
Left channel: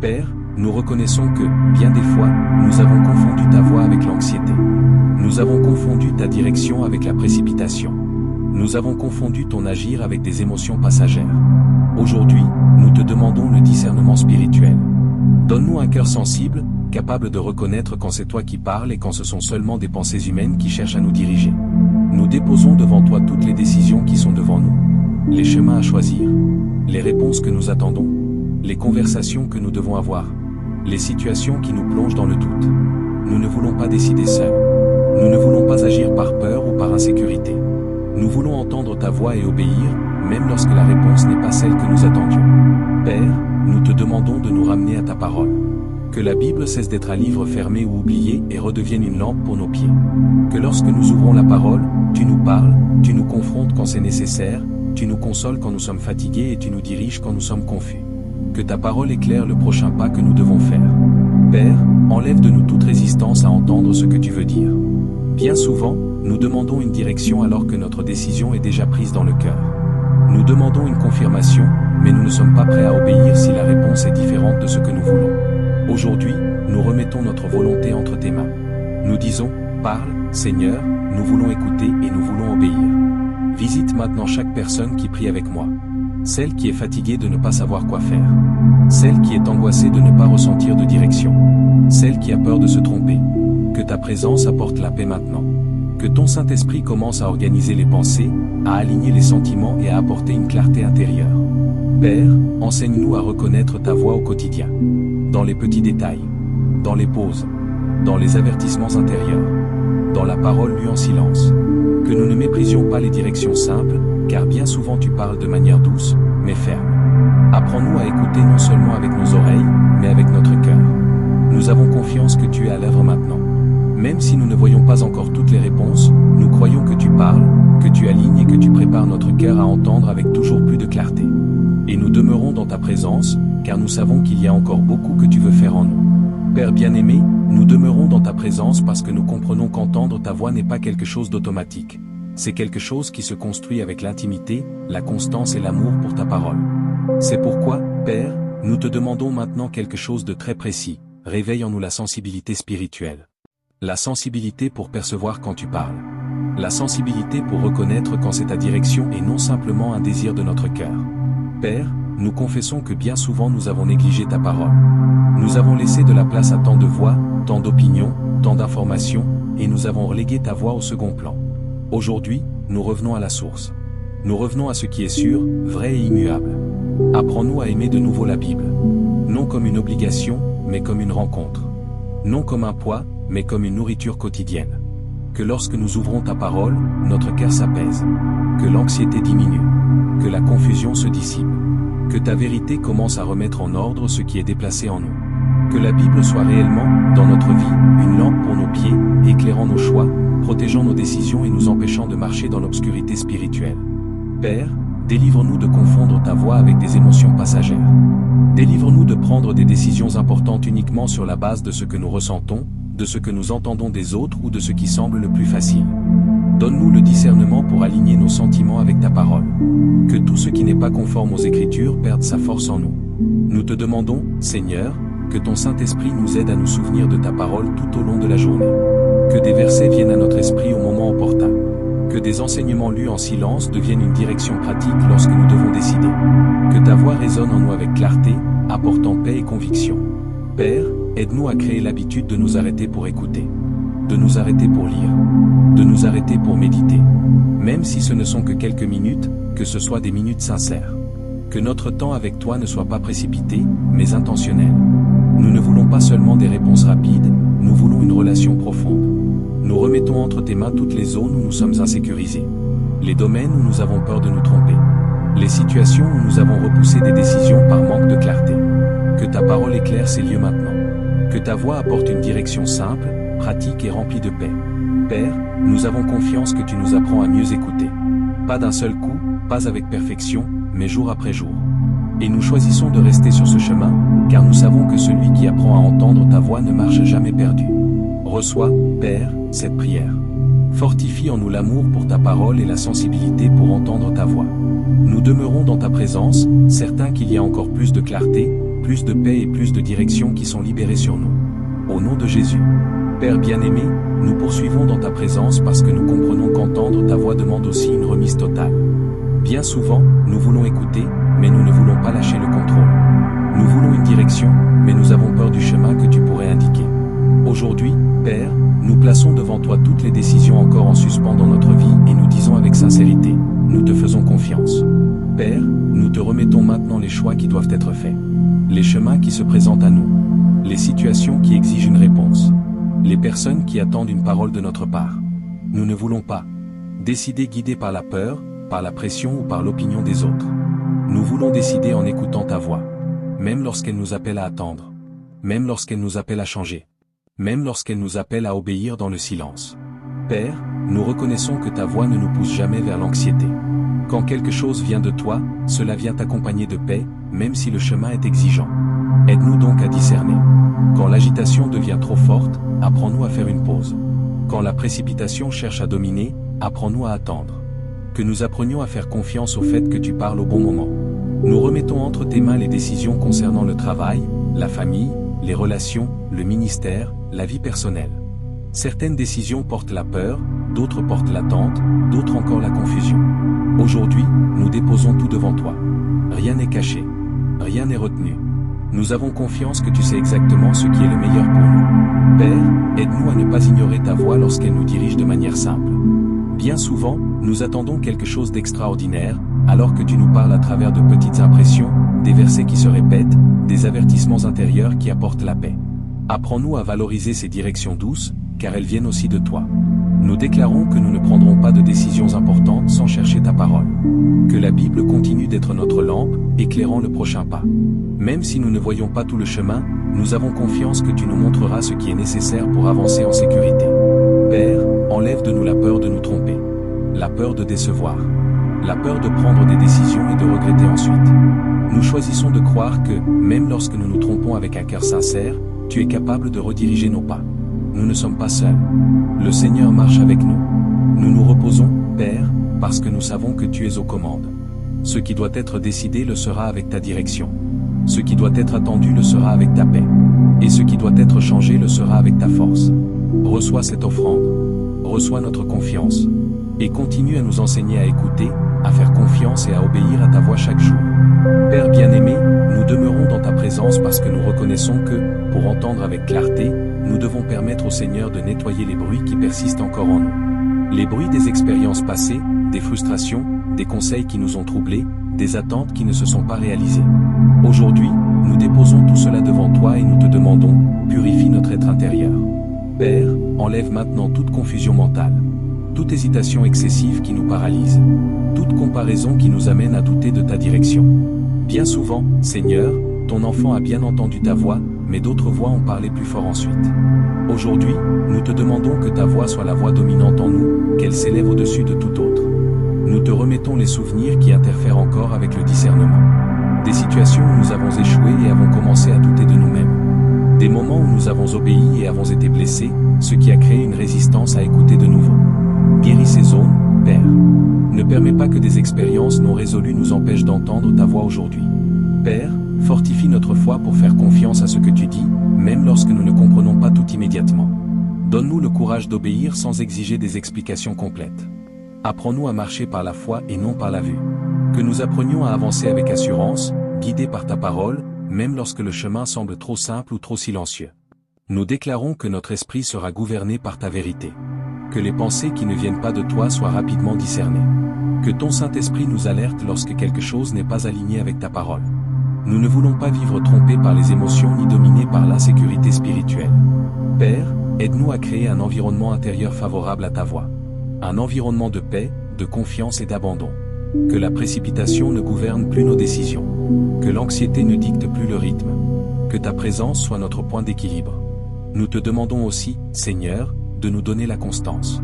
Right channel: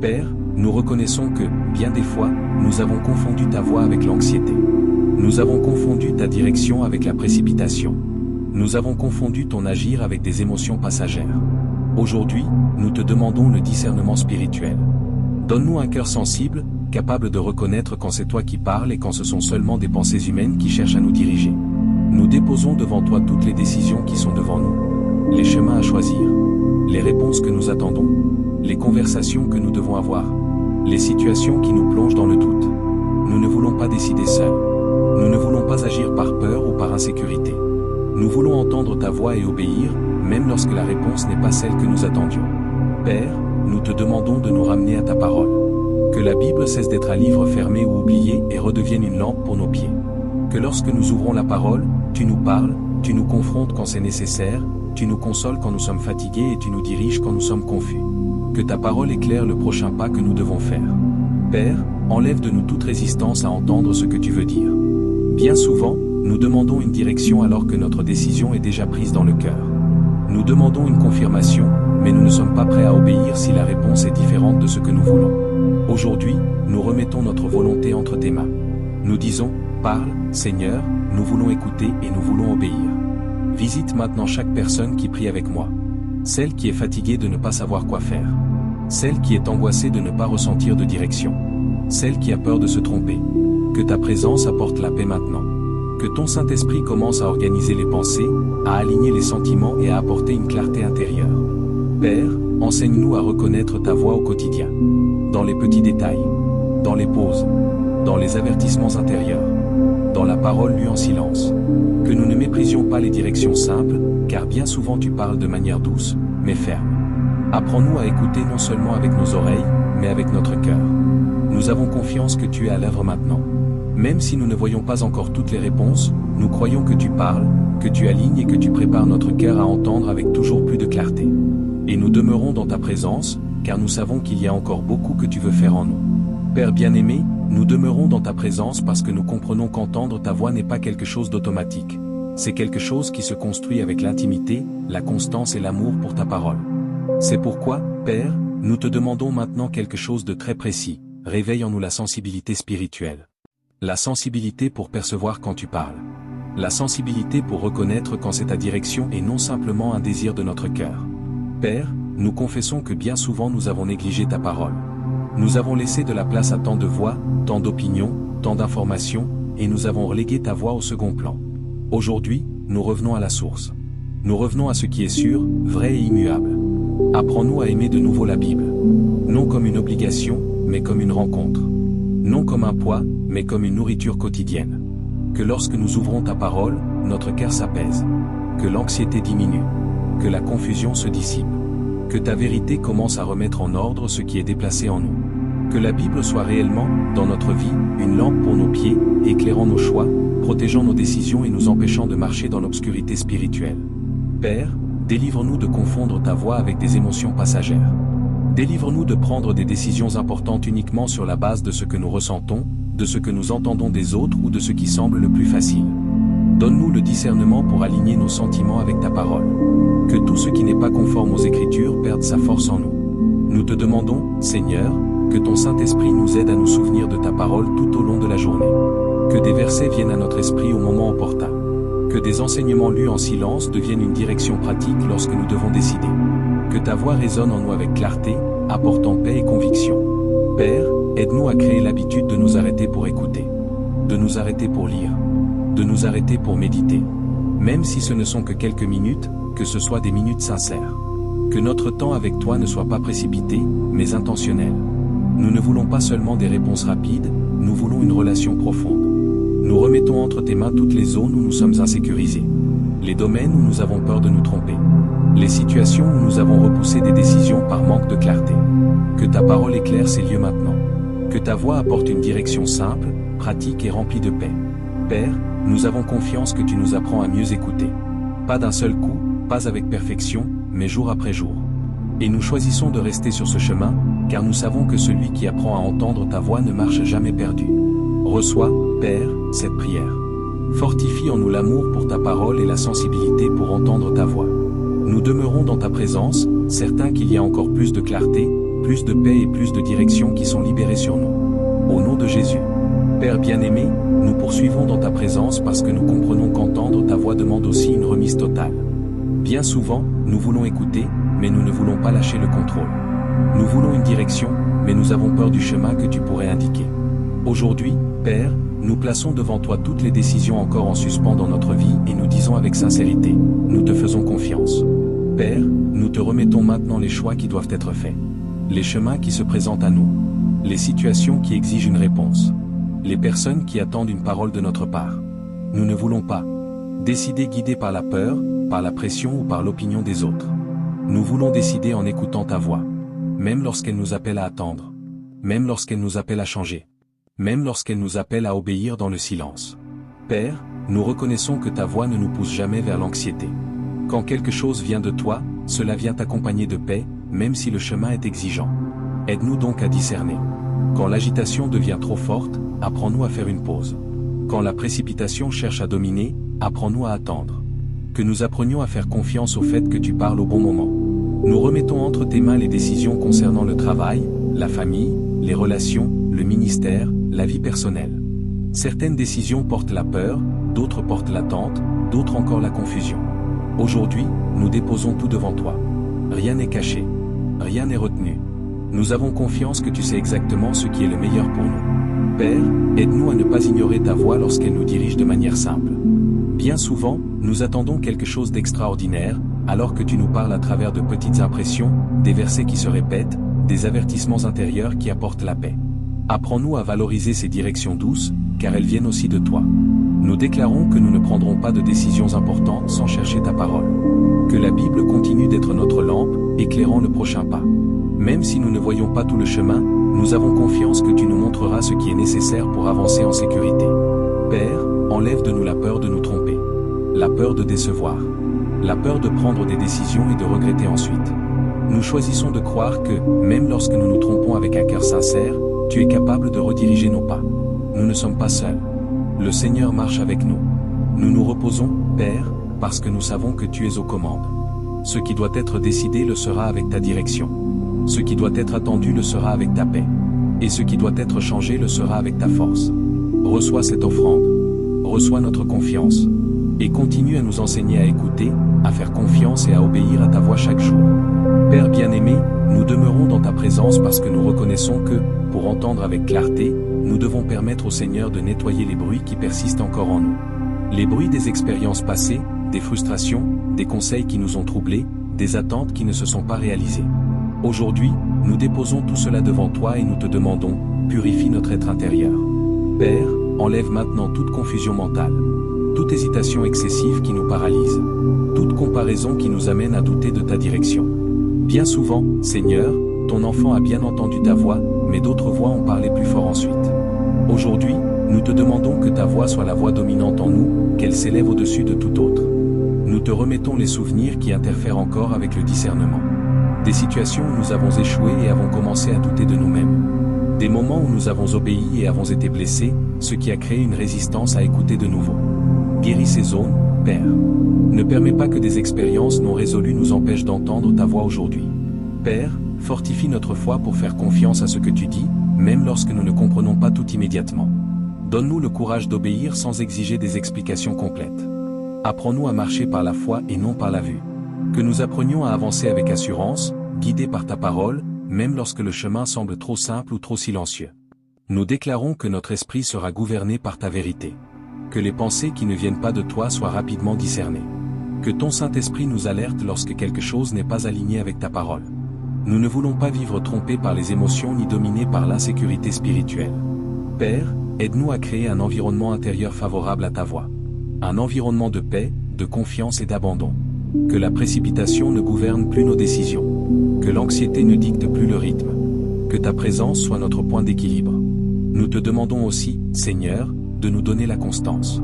Père, nous reconnaissons que, bien des fois, nous avons confondu ta voix avec l'anxiété. Nous avons confondu ta direction avec la précipitation. Nous avons confondu ton agir avec des émotions passagères. Aujourd'hui, nous te demandons le discernement spirituel. Donne-nous un cœur sensible, capable de reconnaître quand c'est toi qui parles et quand ce sont seulement des pensées humaines qui cherchent à nous diriger. Nous déposons devant toi toutes les décisions qui sont devant nous, les chemins à choisir, les réponses que nous attendons, les conversations que nous devons avoir, les situations qui nous plongent dans le doute. Nous ne voulons pas décider seuls. Nous ne voulons pas agir par peur ou par insécurité. Nous voulons entendre ta voix et obéir, même lorsque la réponse n'est pas celle que nous attendions. Père, nous te demandons de nous ramener à ta parole. Que la Bible cesse d'être un livre fermé ou oublié et redevienne une lampe pour nos pieds. Que lorsque nous ouvrons la parole, tu nous parles, tu nous confrontes quand c'est nécessaire, tu nous consoles quand nous sommes fatigués et tu nous diriges quand nous sommes confus. Que ta parole éclaire le prochain pas que nous devons faire. Père, enlève de nous toute résistance à entendre ce que tu veux dire. Bien souvent, nous demandons une direction alors que notre décision est déjà prise dans le cœur. Nous demandons une confirmation, mais nous ne sommes pas prêts à obéir si la réponse est différente de ce que nous voulons. Aujourd'hui, nous remettons notre volonté entre tes mains. Nous disons, Parle, Seigneur, nous voulons écouter et nous voulons obéir. Visite maintenant chaque personne qui prie avec moi. Celle qui est fatiguée de ne pas savoir quoi faire. Celle qui est angoissée de ne pas ressentir de direction. Celle qui a peur de se tromper. Que ta présence apporte la paix maintenant. Que ton Saint-Esprit commence à organiser les pensées, à aligner les sentiments et à apporter une clarté intérieure. Père, enseigne-nous à reconnaître ta voix au quotidien. Dans les petits détails. Dans les pauses. Dans les avertissements intérieurs. Dans la parole lue en silence. Que nous ne méprisions pas les directions simples, car bien souvent tu parles de manière douce, mais ferme. Apprends-nous à écouter non seulement avec nos oreilles, mais avec notre cœur. Nous avons confiance que tu es à l'œuvre maintenant. Même si nous ne voyons pas encore toutes les réponses, nous croyons que tu parles, que tu alignes et que tu prépares notre cœur à entendre avec toujours plus de clarté. Et nous demeurons dans ta présence, car nous savons qu'il y a encore beaucoup que tu veux faire en nous. Père bien-aimé, nous demeurons dans ta présence parce que nous comprenons qu'entendre ta voix n'est pas quelque chose d'automatique. C'est quelque chose qui se construit avec l'intimité, la constance et l'amour pour ta parole. C'est pourquoi, Père, nous te demandons maintenant quelque chose de très précis. Réveille en nous la sensibilité spirituelle. La sensibilité pour percevoir quand tu parles. La sensibilité pour reconnaître quand c'est ta direction et non simplement un désir de notre cœur. Père, nous confessons que bien souvent nous avons négligé ta parole. Nous avons laissé de la place à tant de voix, tant d'opinions, tant d'informations, et nous avons relégué ta voix au second plan. Aujourd'hui, nous revenons à la source. Nous revenons à ce qui est sûr, vrai et immuable. Apprends-nous à aimer de nouveau la Bible. Non comme une obligation, mais comme une rencontre. Non comme un poids, mais comme une nourriture quotidienne. Que lorsque nous ouvrons ta parole, notre cœur s'apaise. Que l'anxiété diminue. Que la confusion se dissipe. Que ta vérité commence à remettre en ordre ce qui est déplacé en nous. Que la Bible soit réellement, dans notre vie, une lampe pour nos pieds, éclairant nos choix, protégeant nos décisions et nous empêchant de marcher dans l'obscurité spirituelle. Père, délivre-nous de confondre ta voix avec des émotions passagères. Délivre-nous de prendre des décisions importantes uniquement sur la base de ce que nous ressentons, de ce que nous entendons des autres ou de ce qui semble le plus facile. Donne-nous le discernement pour aligner nos sentiments avec ta parole. Que tout ce qui n'est pas conforme aux Écritures perde sa force en nous. Nous te demandons, Seigneur, que ton Saint-Esprit nous aide à nous souvenir de ta parole tout au long de la journée. Que des versets viennent à notre esprit au moment opportun. Que des enseignements lus en silence deviennent une direction pratique lorsque nous devons décider. Que ta voix résonne en nous avec clarté, apportant paix et conviction. Père, aide-nous à créer l'habitude de nous arrêter pour écouter. De nous arrêter pour lire. De nous arrêter pour méditer. Même si ce ne sont que quelques minutes, que ce soit des minutes sincères. Que notre temps avec toi ne soit pas précipité, mais intentionnel. Nous ne voulons pas seulement des réponses rapides, nous voulons une relation profonde. Nous remettons entre tes mains toutes les zones où nous sommes insécurisés. Les domaines où nous avons peur de nous tromper. Les situations où nous avons repoussé des décisions par manque de clarté. Que ta parole éclaire ces lieux maintenant. Que ta voix apporte une direction simple, pratique et remplie de paix. Père, nous avons confiance que tu nous apprends à mieux écouter. Pas d'un seul coup, pas avec perfection, mais jour après jour. Et nous choisissons de rester sur ce chemin, car nous savons que celui qui apprend à entendre ta voix ne marche jamais perdu. Reçois, Père, cette prière. Fortifie en nous l'amour pour ta parole et la sensibilité pour entendre ta voix. Nous demeurons dans ta présence, certains qu'il y a encore plus de clarté, plus de paix et plus de direction qui sont libérées sur nous. Au nom de Jésus. Père bien-aimé, nous poursuivons dans ta présence parce que nous comprenons qu'entendre ta voix demande aussi une remise totale. Bien souvent, nous voulons écouter, mais nous ne voulons pas lâcher le contrôle. Nous voulons une direction, mais nous avons peur du chemin que tu pourrais indiquer. Aujourd'hui, Père, nous plaçons devant toi toutes les décisions encore en suspens dans notre vie et nous disons avec sincérité, nous te faisons confiance. Père, nous te remettons maintenant les choix qui doivent être faits. Les chemins qui se présentent à nous. Les situations qui exigent une réponse. Les personnes qui attendent une parole de notre part. Nous ne voulons pas décider guidés par la peur, par la pression ou par l'opinion des autres. Nous voulons décider en écoutant ta voix. Même lorsqu'elle nous appelle à attendre. Même lorsqu'elle nous appelle à changer. Même lorsqu'elle nous appelle à obéir dans le silence. Père, nous reconnaissons que ta voix ne nous pousse jamais vers l'anxiété. Quand quelque chose vient de toi, cela vient accompagné de paix, même si le chemin est exigeant. Aide-nous donc à discerner. Quand l'agitation devient trop forte, apprends-nous à faire une pause. Quand la précipitation cherche à dominer, apprends-nous à attendre. Que nous apprenions à faire confiance au fait que tu parles au bon moment. Nous remettons entre tes mains les décisions concernant le travail, la famille, les relations, le ministère, la vie personnelle. Certaines décisions portent la peur, d'autres portent l'attente, d'autres encore la confusion. Aujourd'hui, nous déposons tout devant toi. Rien n'est caché. Rien n'est retenu. Nous avons confiance que tu sais exactement ce qui est le meilleur pour nous. Père, aide-nous à ne pas ignorer ta voix lorsqu'elle nous dirige de manière simple. Bien souvent, nous attendons quelque chose d'extraordinaire, alors que tu nous parles à travers de petites impressions, des versets qui se répètent, des avertissements intérieurs qui apportent la paix. Apprends-nous à valoriser ces directions douces, car elles viennent aussi de toi. Nous déclarons que nous ne prendrons pas de décisions importantes sans chercher ta parole. Que la Bible continue d'être notre lampe, éclairant le prochain pas. Même si nous ne voyons pas tout le chemin, nous avons confiance que tu nous montreras ce qui est nécessaire pour avancer en sécurité. Père, enlève de nous la peur de nous tromper, la peur de décevoir, la peur de prendre des décisions et de regretter ensuite. Nous choisissons de croire que, même lorsque nous nous trompons avec un cœur sincère, tu es capable de rediriger nos pas. Nous ne sommes pas seuls. Le Seigneur marche avec nous. Nous nous reposons, Père, parce que nous savons que tu es aux commandes. Ce qui doit être décidé le sera avec ta direction. Ce qui doit être attendu le sera avec ta paix. Et ce qui doit être changé le sera avec ta force. Reçois cette offrande. Reçois notre confiance. Et continue à nous enseigner à écouter, à faire confiance et à obéir à ta voix chaque jour. Père bien-aimé, nous demeurons dans ta présence parce que nous reconnaissons que, pour entendre avec clarté, nous devons permettre au Seigneur de nettoyer les bruits qui persistent encore en nous. Les bruits des expériences passées, des frustrations, des conseils qui nous ont troublés, des attentes qui ne se sont pas réalisées. Aujourd'hui, nous déposons tout cela devant toi et nous te demandons, purifie notre être intérieur. Père, enlève maintenant toute confusion mentale, toute hésitation excessive qui nous paralyse, toute comparaison qui nous amène à douter de ta direction. Bien souvent, Seigneur, ton enfant a bien entendu ta voix, mais d'autres voix ont parlé plus fort ensuite. Aujourd'hui, nous te demandons que ta voix soit la voix dominante en nous, qu'elle s'élève au-dessus de tout autre. Nous te remettons les souvenirs qui interfèrent encore avec le discernement. Des situations où nous avons échoué et avons commencé à douter de nous-mêmes. Des moments où nous avons obéi et avons été blessés, ce qui a créé une résistance à écouter de nouveau. Guéris ces zones, Père. Ne permets pas que des expériences non résolues nous empêchent d'entendre ta voix aujourd'hui. Père, fortifie notre foi pour faire confiance à ce que tu dis, même lorsque nous ne comprenons pas tout immédiatement. Donne-nous le courage d'obéir sans exiger des explications complètes. Apprends-nous à marcher par la foi et non par la vue. Que nous apprenions à avancer avec assurance, guidés par ta parole, même lorsque le chemin semble trop simple ou trop silencieux. Nous déclarons que notre esprit sera gouverné par ta vérité. Que les pensées qui ne viennent pas de toi soient rapidement discernées. Que ton Saint-Esprit nous alerte lorsque quelque chose n'est pas aligné avec ta parole. Nous ne voulons pas vivre trompés par les émotions ni dominés par l'insécurité spirituelle. Père, aide-nous à créer un environnement intérieur favorable à ta voix. Un environnement de paix, de confiance et d'abandon. Que la précipitation ne gouverne plus nos décisions. Que l'anxiété ne dicte plus le rythme. Que ta présence soit notre point d'équilibre. Nous te demandons aussi, Seigneur, de nous donner la constance.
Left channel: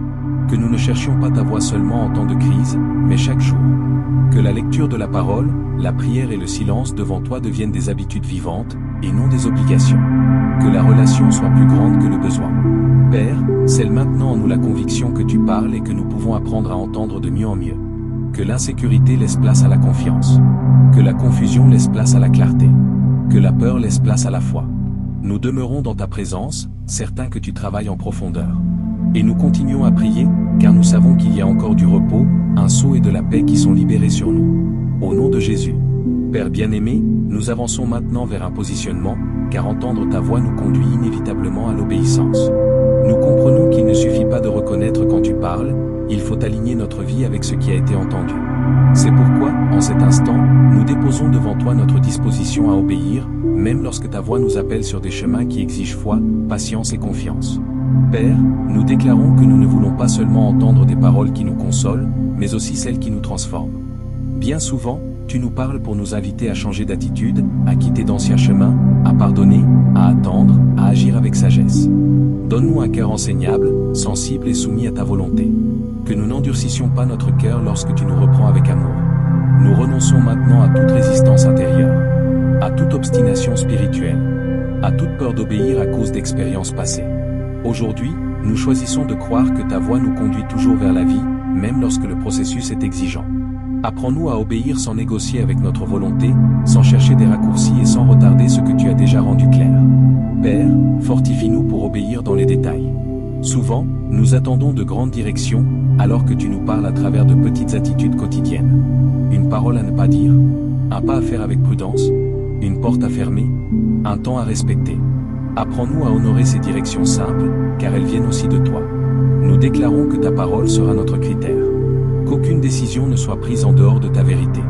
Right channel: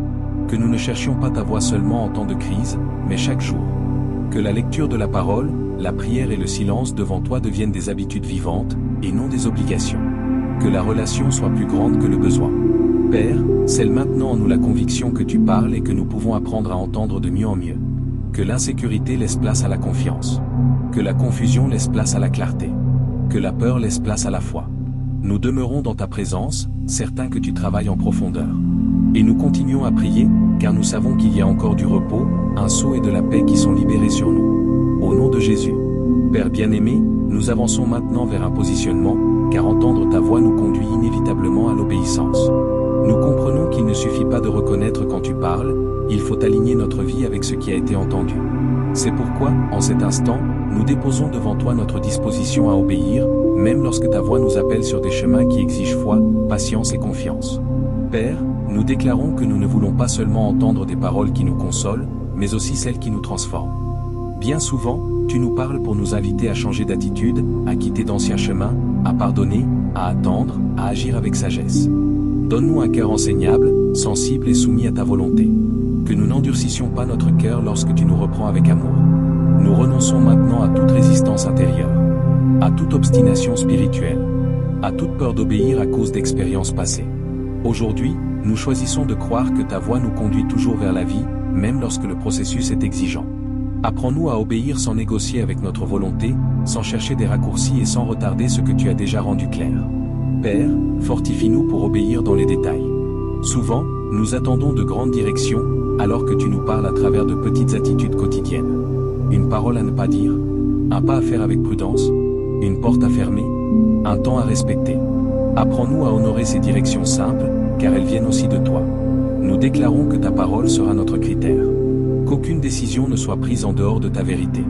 Que nous ne cherchions pas ta voix seulement en temps de crise, mais chaque jour. Que la lecture de la parole, la prière et le silence devant toi deviennent des habitudes vivantes, et non des obligations. Que la relation soit plus grande que le besoin. Père, scelle maintenant en nous la conviction que tu parles et que nous pouvons apprendre à entendre de mieux en mieux. Que l'insécurité laisse place à la confiance. Que la confusion laisse place à la clarté. Que la peur laisse place à la foi. Nous demeurons dans ta présence, certains que tu travailles en profondeur. Et nous continuons à prier, car nous savons qu'il y a encore du repos, un sceau et de la paix qui sont libérés sur nous. Au nom de Jésus. Père bien-aimé, nous avançons maintenant vers un positionnement, car entendre ta voix nous conduit inévitablement à l'obéissance. Nous comprenons qu'il ne suffit pas de reconnaître quand tu parles, il faut aligner notre vie avec ce qui a été entendu. C'est pourquoi, en cet instant, nous déposons devant toi notre disposition à obéir, même lorsque ta voix nous appelle sur des chemins qui exigent foi, patience et confiance. Père, nous déclarons que nous ne voulons pas seulement entendre des paroles qui nous consolent, mais aussi celles qui nous transforment. Bien souvent, tu nous parles pour nous inviter à changer d'attitude, à quitter d'anciens chemins, à pardonner, à attendre, à agir avec sagesse. Donne-nous un cœur enseignable, sensible et soumis à ta volonté. Que nous n'endurcissions pas notre cœur lorsque tu nous reprends avec amour. Nous renonçons maintenant à toute résistance intérieure, à toute obstination spirituelle, à toute peur d'obéir à cause d'expériences passées. Aujourd'hui, nous choisissons de croire que ta voix nous conduit toujours vers la vie, même lorsque le processus est exigeant. Apprends-nous à obéir sans négocier avec notre volonté, sans chercher des raccourcis et sans retarder ce que tu as déjà rendu clair. Père, fortifie-nous pour obéir dans les détails. Souvent, nous attendons de grandes directions, alors que tu nous parles à travers de petites attitudes quotidiennes. Une parole à ne pas dire, un pas à faire avec prudence, une porte à fermer, un temps à respecter. Apprends-nous à honorer ces directions simples, car elles viennent aussi de toi. Nous déclarons que ta parole sera notre critère. Qu'aucune décision ne soit prise en dehors de ta vérité.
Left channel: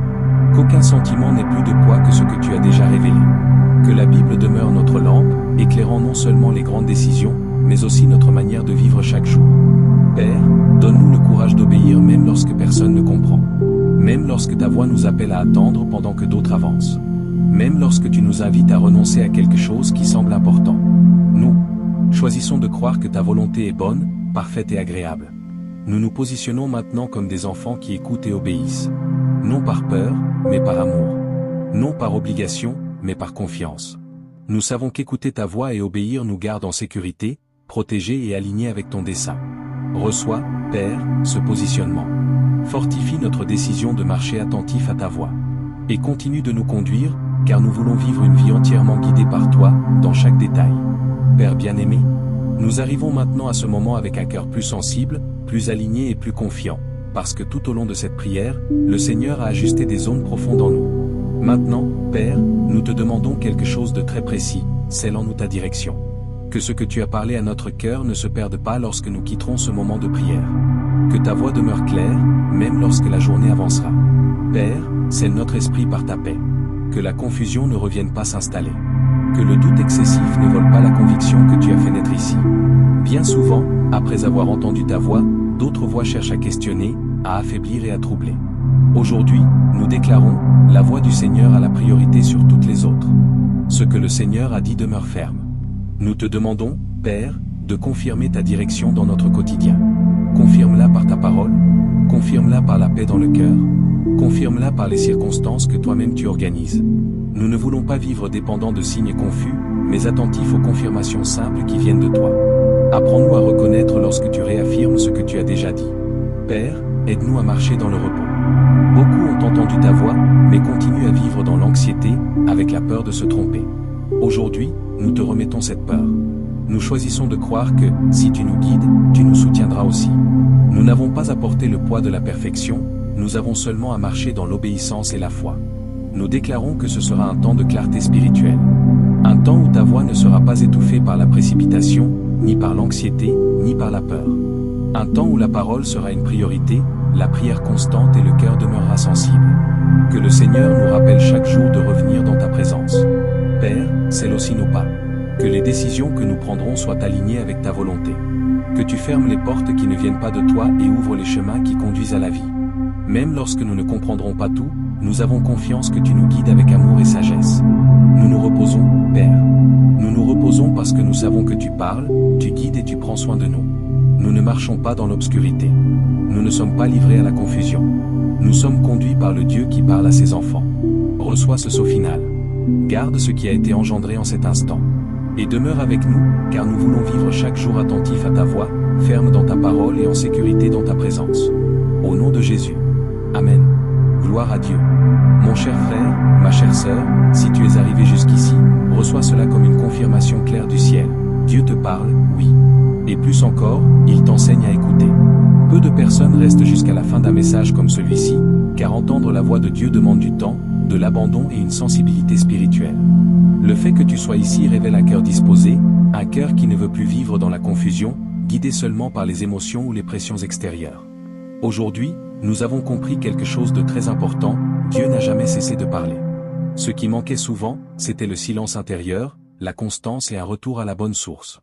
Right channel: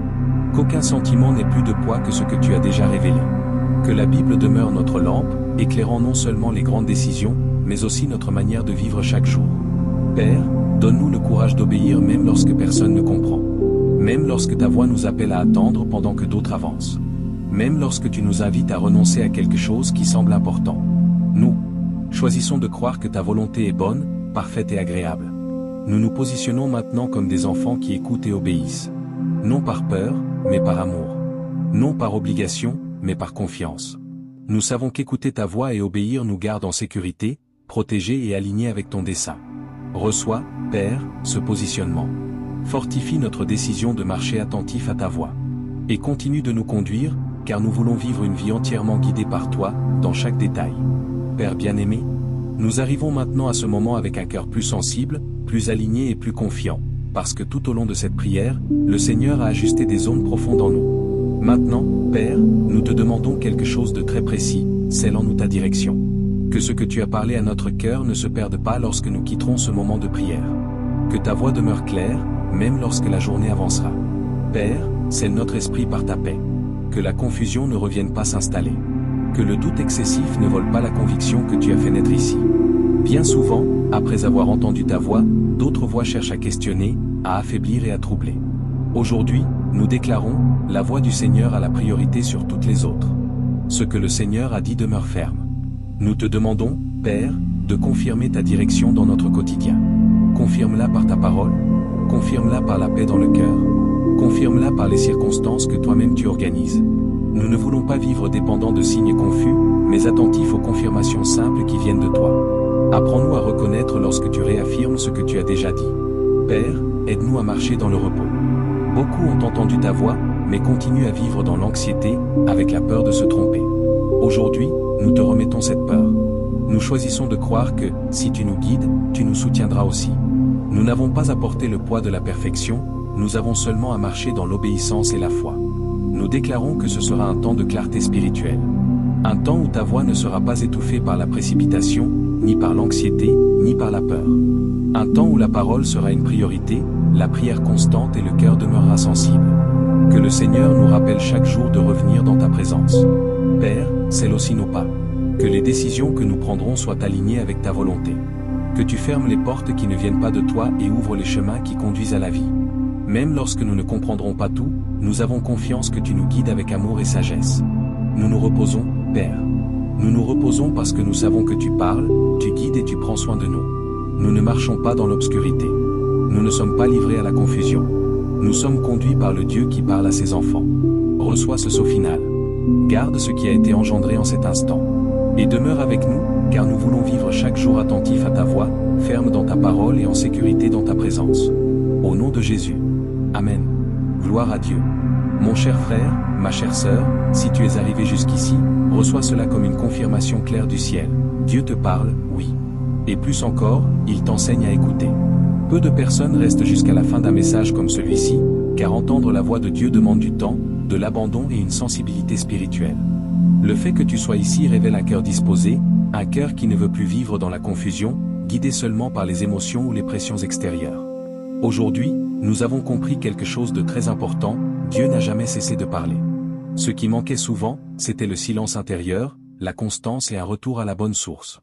Qu'aucun sentiment n'ait plus de poids que ce que tu as déjà révélé. Que la Bible demeure notre lampe, éclairant non seulement les grandes décisions, mais aussi notre manière de vivre chaque jour. Père, donne-nous le courage d'obéir même lorsque personne ne comprend. Même lorsque ta voix nous appelle à attendre pendant que d'autres avancent. Même lorsque tu nous invites à renoncer à quelque chose qui semble important. Nous choisissons de croire que ta volonté est bonne, parfaite et agréable. Nous nous positionnons maintenant comme des enfants qui écoutent et obéissent. Non par peur, mais par amour. Non par obligation, mais par confiance. Nous savons qu'écouter ta voix et obéir nous garde en sécurité, protégés et alignés avec ton dessein. Reçois, Père, ce positionnement. Fortifie notre décision de marcher attentif à ta voix. Et continue de nous conduire, car nous voulons vivre une vie entièrement guidée par toi, dans chaque détail. Père bien-aimé, nous arrivons maintenant à ce moment avec un cœur plus sensible, plus aligné et plus confiant, parce que tout au long de cette prière, le Seigneur a ajusté des zones profondes en nous. Maintenant, Père, nous te demandons quelque chose de très précis, scelle-en-nous ta direction. Que ce que tu as parlé à notre cœur ne se perde pas lorsque nous quitterons ce moment de prière. Que ta voix demeure claire, même lorsque la journée avancera. Père, scelle notre esprit par ta paix. Que la confusion ne revienne pas s'installer. Que le doute excessif ne vole pas la conviction que tu as fait naître ici. Bien souvent, après avoir entendu ta voix, d'autres voix cherchent à questionner, à affaiblir et à troubler. Aujourd'hui, nous déclarons, la voix du Seigneur a la priorité sur toutes les autres. Ce que le Seigneur a dit demeure ferme. Nous te demandons, Père, de confirmer ta direction dans notre quotidien. Confirme-la par ta parole, confirme-la par la paix dans le cœur, confirme-la par les circonstances que toi-même tu organises. Nous ne voulons pas vivre dépendants de signes confus, mais attentifs aux confirmations simples qui viennent de toi. Apprends-nous à reconnaître lorsque tu réaffirmes ce que tu as déjà dit. Père, aide-nous à marcher dans le repos. Beaucoup ont entendu ta voix, mais continuent à vivre dans l'anxiété, avec la peur de se tromper. Aujourd'hui, nous te remettons cette peur. Nous choisissons de croire que, si tu nous guides, tu nous soutiendras aussi. Nous n'avons pas à porter le poids de la perfection, nous avons seulement à marcher dans l'obéissance et la foi. Nous déclarons que ce sera un temps de clarté spirituelle. Un temps où ta voix ne sera pas étouffée par la précipitation, ni par l'anxiété, ni par la peur. Un temps où la parole sera une priorité, la prière constante et le cœur demeurera sensible. Que le Seigneur nous rappelle chaque jour de revenir dans ta présence. Père, scelle aussi nos pas. Que les décisions que nous prendrons soient alignées avec ta volonté. Que tu fermes les portes qui ne viennent pas de toi et ouvres les chemins qui conduisent à la vie. Même lorsque nous ne comprendrons pas tout, nous avons confiance que tu nous guides avec amour et sagesse. Nous nous reposons, Père. Nous nous reposons parce que nous savons que tu parles, tu guides et tu prends soin de nous. Nous ne marchons pas dans l'obscurité. Nous ne sommes pas livrés à la confusion. Nous sommes conduits par le Dieu qui parle à ses enfants. Reçois ce saut final. Garde ce qui a été engendré en cet instant. Et demeure avec nous, car nous voulons vivre chaque jour attentif à ta voix, ferme dans ta parole et en sécurité dans ta présence. Au nom de Jésus. Amen. Gloire à Dieu. Mon cher frère, ma chère sœur, si tu es arrivé jusqu'ici, reçois cela comme une confirmation claire du ciel. Dieu te parle, oui. Et plus encore, il t'enseigne à écouter. Peu de personnes restent jusqu'à la fin d'un message comme celui-ci, car entendre la voix de Dieu demande du temps, de l'abandon et une sensibilité spirituelle. Le fait que tu sois ici révèle un cœur disposé, un cœur qui ne veut plus vivre dans la confusion, guidé seulement par les émotions ou les pressions extérieures. Aujourd'hui, nous avons compris quelque chose de très important, Dieu n'a jamais cessé de parler. Ce qui manquait souvent, c'était le silence intérieur, la constance et un retour à la bonne source.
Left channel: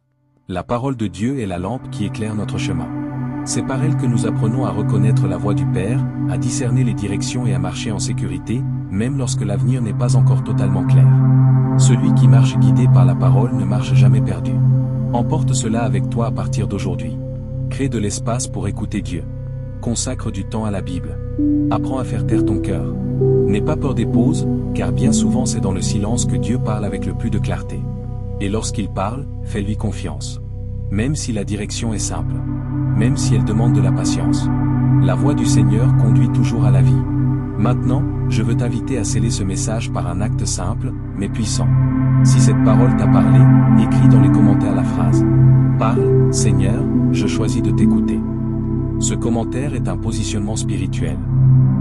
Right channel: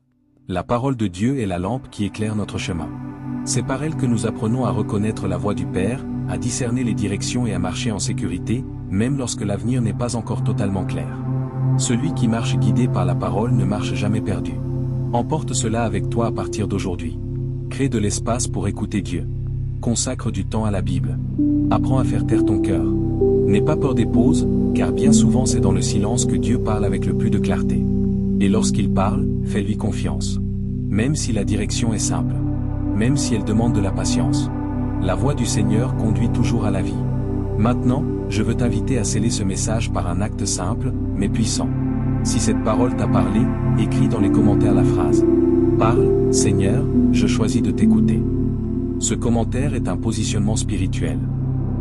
La parole de Dieu est la lampe qui éclaire notre chemin. C'est par elle que nous apprenons à reconnaître la voix du Père, à discerner les directions et à marcher en sécurité, même lorsque l'avenir n'est pas encore totalement clair. Celui qui marche guidé par la parole ne marche jamais perdu. Emporte cela avec toi à partir d'aujourd'hui. Crée de l'espace pour écouter Dieu. Consacre du temps à la Bible. Apprends à faire taire ton cœur. N'aie pas peur des pauses, car bien souvent c'est dans le silence que Dieu parle avec le plus de clarté. Et lorsqu'il parle, fais-lui confiance. Même si la direction est simple. Même si elle demande de la patience. La voix du Seigneur conduit toujours à la vie. Maintenant, je veux t'inviter à sceller ce message par un acte simple, mais puissant. Si cette parole t'a parlé, écris dans les commentaires la phrase « Parle, Seigneur, je choisis de t'écouter. Ce commentaire est un positionnement spirituel.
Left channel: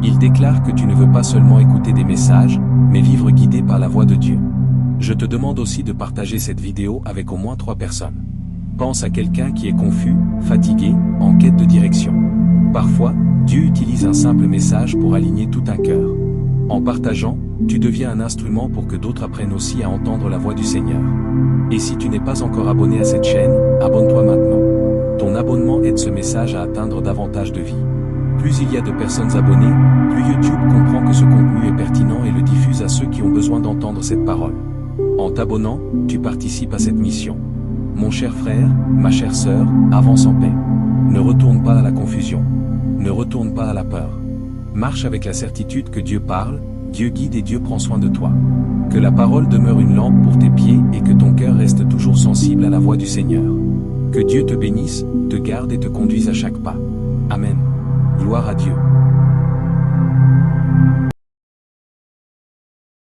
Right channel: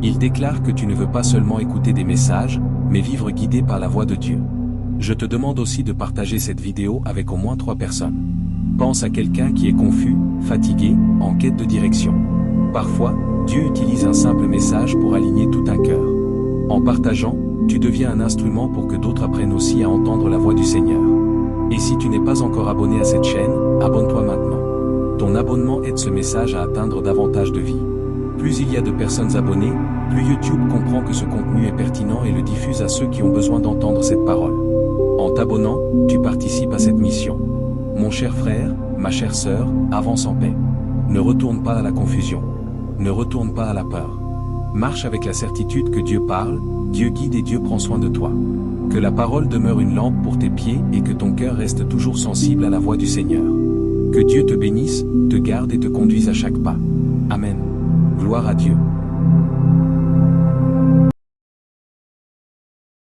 Il déclare que tu ne veux pas seulement écouter des messages, mais vivre guidé par la voix de Dieu. Je te demande aussi de partager cette vidéo avec au moins 3 personnes. Pense à quelqu'un qui est confus, fatigué, en quête de direction. Parfois, Dieu utilise un simple message pour aligner tout un cœur. En partageant, tu deviens un instrument pour que d'autres apprennent aussi à entendre la voix du Seigneur. Et si tu n'es pas encore abonné à cette chaîne, abonne-toi maintenant. Ton abonnement aide ce message à atteindre davantage de vies. Plus il y a de personnes abonnées, plus YouTube comprend que ce contenu est pertinent et le diffuse à ceux qui ont besoin d'entendre cette parole. En t'abonnant, tu participes à cette mission. Mon cher frère, ma chère sœur, avance en paix. Ne retourne pas à la confusion. Ne retourne pas à la peur. Marche avec la certitude que Dieu parle, Dieu guide et Dieu prend soin de toi. Que la parole demeure une lampe pour tes pieds et que ton cœur reste toujours sensible à la voix du Seigneur. Que Dieu te bénisse, te garde et te conduise à chaque pas. Amen. Gloire à Dieu.